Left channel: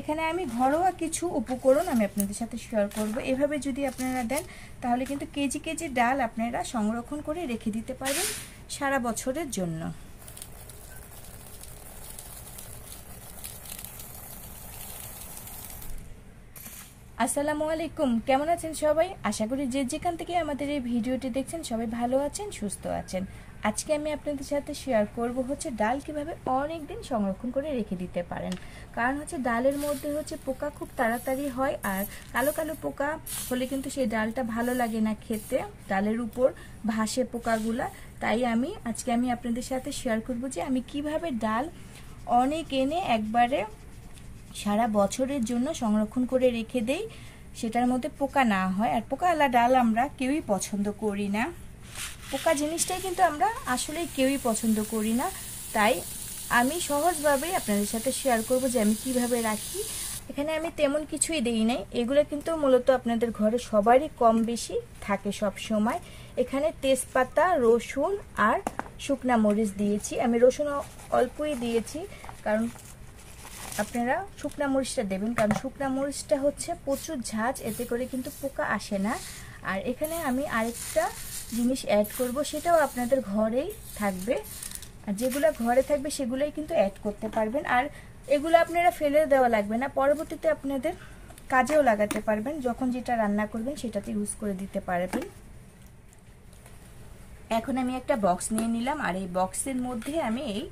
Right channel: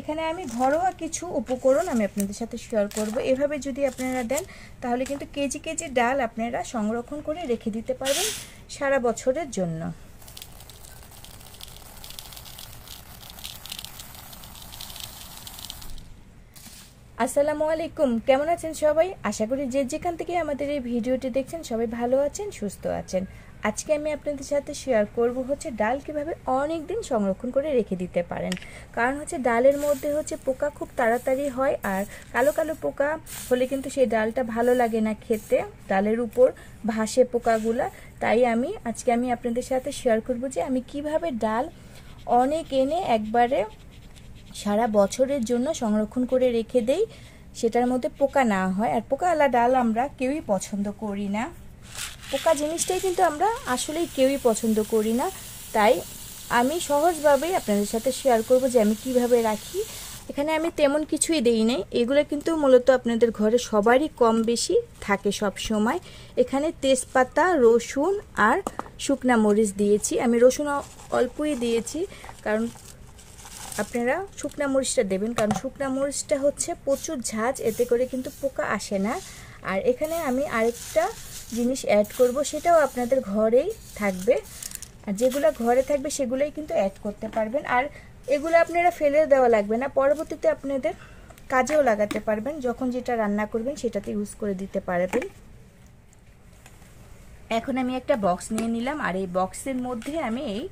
এখানে আমি ঘরোয়া কিছু উপকরণ আমি আপনাদের সাথে শেয়ার করব। এভাবে যদি আপনারা দেন তাহলে কিন্তু কেজি কেজি ডাল আপনারা সংরক্ষণ করে রেখে দিতে পারবেন সারা বছরের জন্য। আসসালামু আলাইকুম, কেমন আছেন সবাই? আশা করি যে যেখান থেকে আমাদের এই ভিডিওটি দেখছেন সবাই ভালো আছেন, সুস্থ আছেন। আজকে আমি আপনাদের সাথে শেয়ার করব হচ্ছে ডাল কিভাবে অনেক দিন সংরক্ষণ করে রেখে দিতে পারেন। কারণ হচ্ছে ডালের মধ্যে হচ্ছে পোকা খুব তাড়াতাড়ি হয়, আর কালো কালো পোকা হলে কিন্তু সেই ডালটা ভালো লাগে না খেতে, ডালের উপর ভাসে পোকাগুলা। তাই আজকে আমি আপনাদের সাথে শেয়ার করব যে আমি কিভাবে ডাল অনেক এনে একবারে সারা বছরের জন্য সংরক্ষণ করে রেখে দেই, সেটার মধ্যে পোকা না হয়। আর পোকাওয়ালা ডাল আমরা কেউই পছন্দ করি না, পোকা জিনিসটাই কিন্তু আমরা আসলেই কেউই পছন্দ করি না। তাই আমি সহজভাবে আপনাদের সাথে শেয়ার করব যে আমি কিভাবে রাখি। এখানে আমি তেমন কিছুই দেই নাই, এগুলো কিন্তু মূলত আপনাদের ঘরে সবারই কম বেশি থাকে সব সময়। এখানে তেজপাতা, রসুন আর শুকনা মরিচ দিয়েছি। আমি রসুন অল্পই দিয়েছি, কারণ আপনারা শুকনা মরিচটা দেবেন, কারণ শুকনা মরিচটা হচ্ছে প্রচুর ঝাঁজ, এতে করে কিন্তু পোকা আসে না। আর এখানে আমি আরেকটা জিনিস অ্যাড করব, সেটাও আপনাদের ঘরেই থাকবে, আর যেগুলো ঘরে থাকবে সেগুলোই কিন্তু অ্যাড করতে পারবেন। আর এগুলো আপনারা ফেলে দেওয়া লাগবে না, পরবর্তীতে আপনাদের কাজেও লাগাতে পারবেন, যখন যেটা রান্না করবেন সেটাতে ইউজ করে দিতে পারবেন। এখন আমি একটা বক্স নিয়ে নিলাম, আর এই বক্সের মধ্যে আমি এই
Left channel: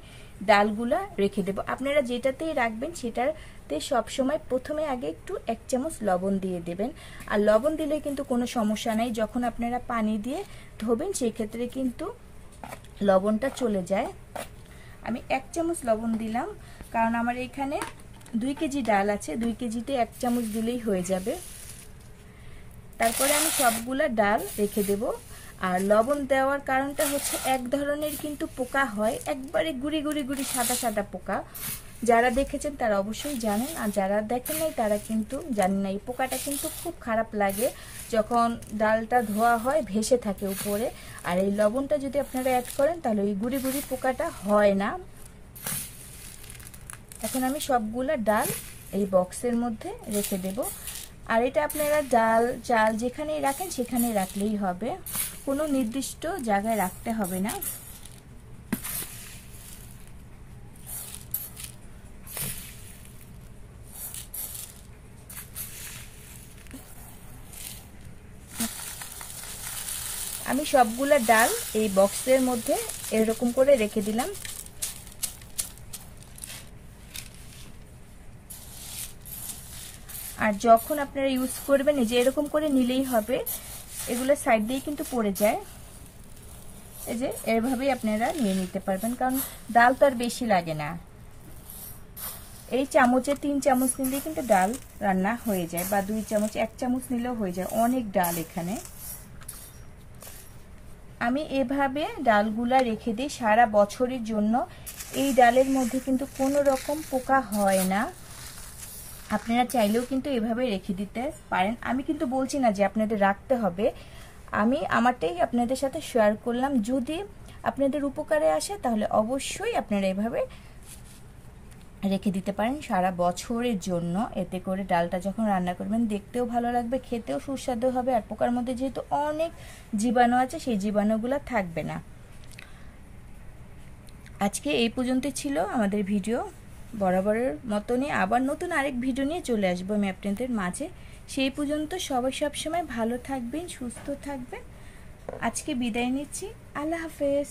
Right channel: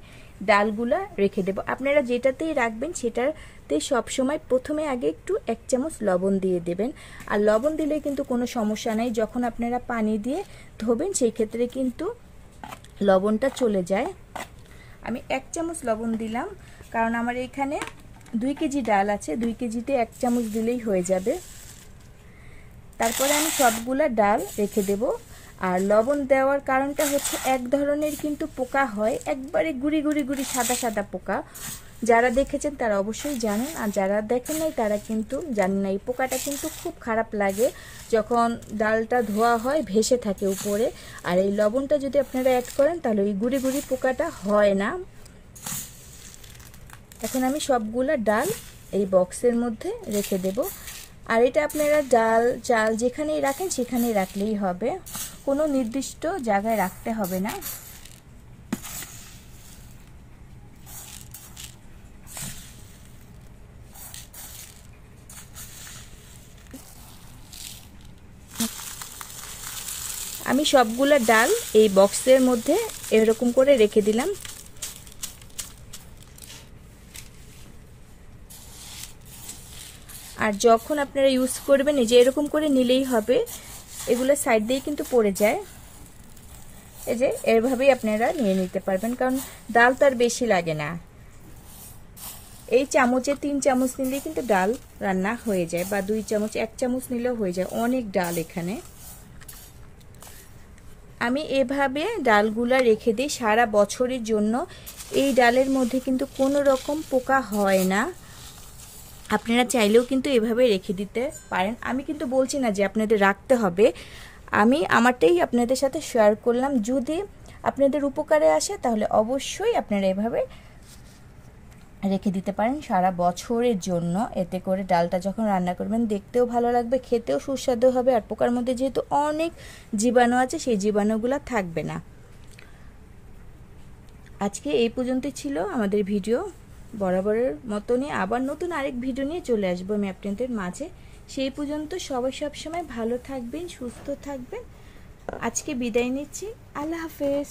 ডালগুলা রেখে দেব। আপনারা যেটাতেই রাখবেন সেটাতে সবসময় প্রথমে আগে একটু 1 চামচ লবণ দিয়ে দেবেন। আর লবণ দিলে কিন্তু কোনো সমস্যা নাই, যখন আপনারা পানি দিয়ে ধোবেন সেই ক্ষেত্রে কিন্তু লবণটা চলে যায়। আমি 1 চামচ লবণ দিলাম, কারণ আমার এখানে 2 কেজি ডাল আছে, 2 কেজিতে 1 চামচ দিলেই হয়ে যাবে। তারপরে আমি সবগুলা ডাল রেখে দেব। আর লবণ দেওয়ার কারণটা হচ্ছে এক ধরনের কিন্তু পোকা হয়, একবারে গুড়ি গুড়ি গুড়ি সাদা সাদা পোকা। যারা দেখেছেন তারা অবশ্যই জানেন, আর যারা দেখেন নাই তারা কিন্তু জানেন না। এই পোকাটা কিন্তু খুব খারাপ লাগে, যখন ডালটা ধোয়া হয় ভেসে থাকে উপরে। আর এই লবণটা যদি আপনারা অ্যাড করেন তাহলে ওই গুড়ি গুড়ি পোকাটা হয় না। এখন আমি সবগুলা ডাল এই বক্সের মধ্যে রেখে দেব। আর এটা আপনারা ডাল চাল যেখানেই রাখেন সেখানেই রাখলেই হবে, কোনো নির্দিষ্ট জায়গায় রাখতে হবে না। আমি সবগুলা ডাল এই বক্সের মধ্যে এরকম করে রেখে দিলাম। আর যখন আপনারা ইউজ করবেন এই যে এরকম করে নিলেই হবে, এগুলো সাইড দিয়ে কিন্তু পড়ে যায়। এই যে এভাবেই আপনারা নিয়ে নিতে পারবেন, কারণ ডাল তো আর বেশি লাগে না। এই চামচে 3 চামচ নিলে কিন্তু ডাল রান্না হয়ে যায়, বা 2 চামচ 1 চামচ নিলেও হয়ে যায়, অনেক ডাল এখানে। আমি এভাবে ডালগুলা রেখে দিই সারা বছরের জন্য। এই ডালের মধ্যে কিন্তু কোনো রকম পোকা হয় না, আপনারা চাইলেও কিন্তু এভাবে রেখে দিতে পারেন। আমি কিন্তু বলছি না যে আপনাদের রাখতে হবে, আমি আমারটাই আপনাদের সাথে শেয়ার করলাম। যদি আপনাদের উপকারে আসে তাহলে অবশ্যই আপনারা এভাবে রেখে দিতে পারেন সারা বছরের জন্য। এতে করে ডালটা যখন রান্না করবেন দেখতেও ভালো লাগবে, খেতেও সুস্বাদু হবে। আর পোকার মধ্যে যেহেতু অনেক জীবাণু আছে, সেই জীবাণুগুলো থাকবে না। আজকে এই পর্যন্তই ছিল আমাদের ভিডিও, বরাবরের মতনই আবার নতুন আরেক ভিডিও নিয়ে চলে আসবো আমি আপনাদের মাঝে। সেই পর্যন্ত সবাই সবসময় ভালো থাকবেন, সুস্থ থাকবেন। আজকে বিদায় নিচ্ছি, আল্লাহ হাফেজ।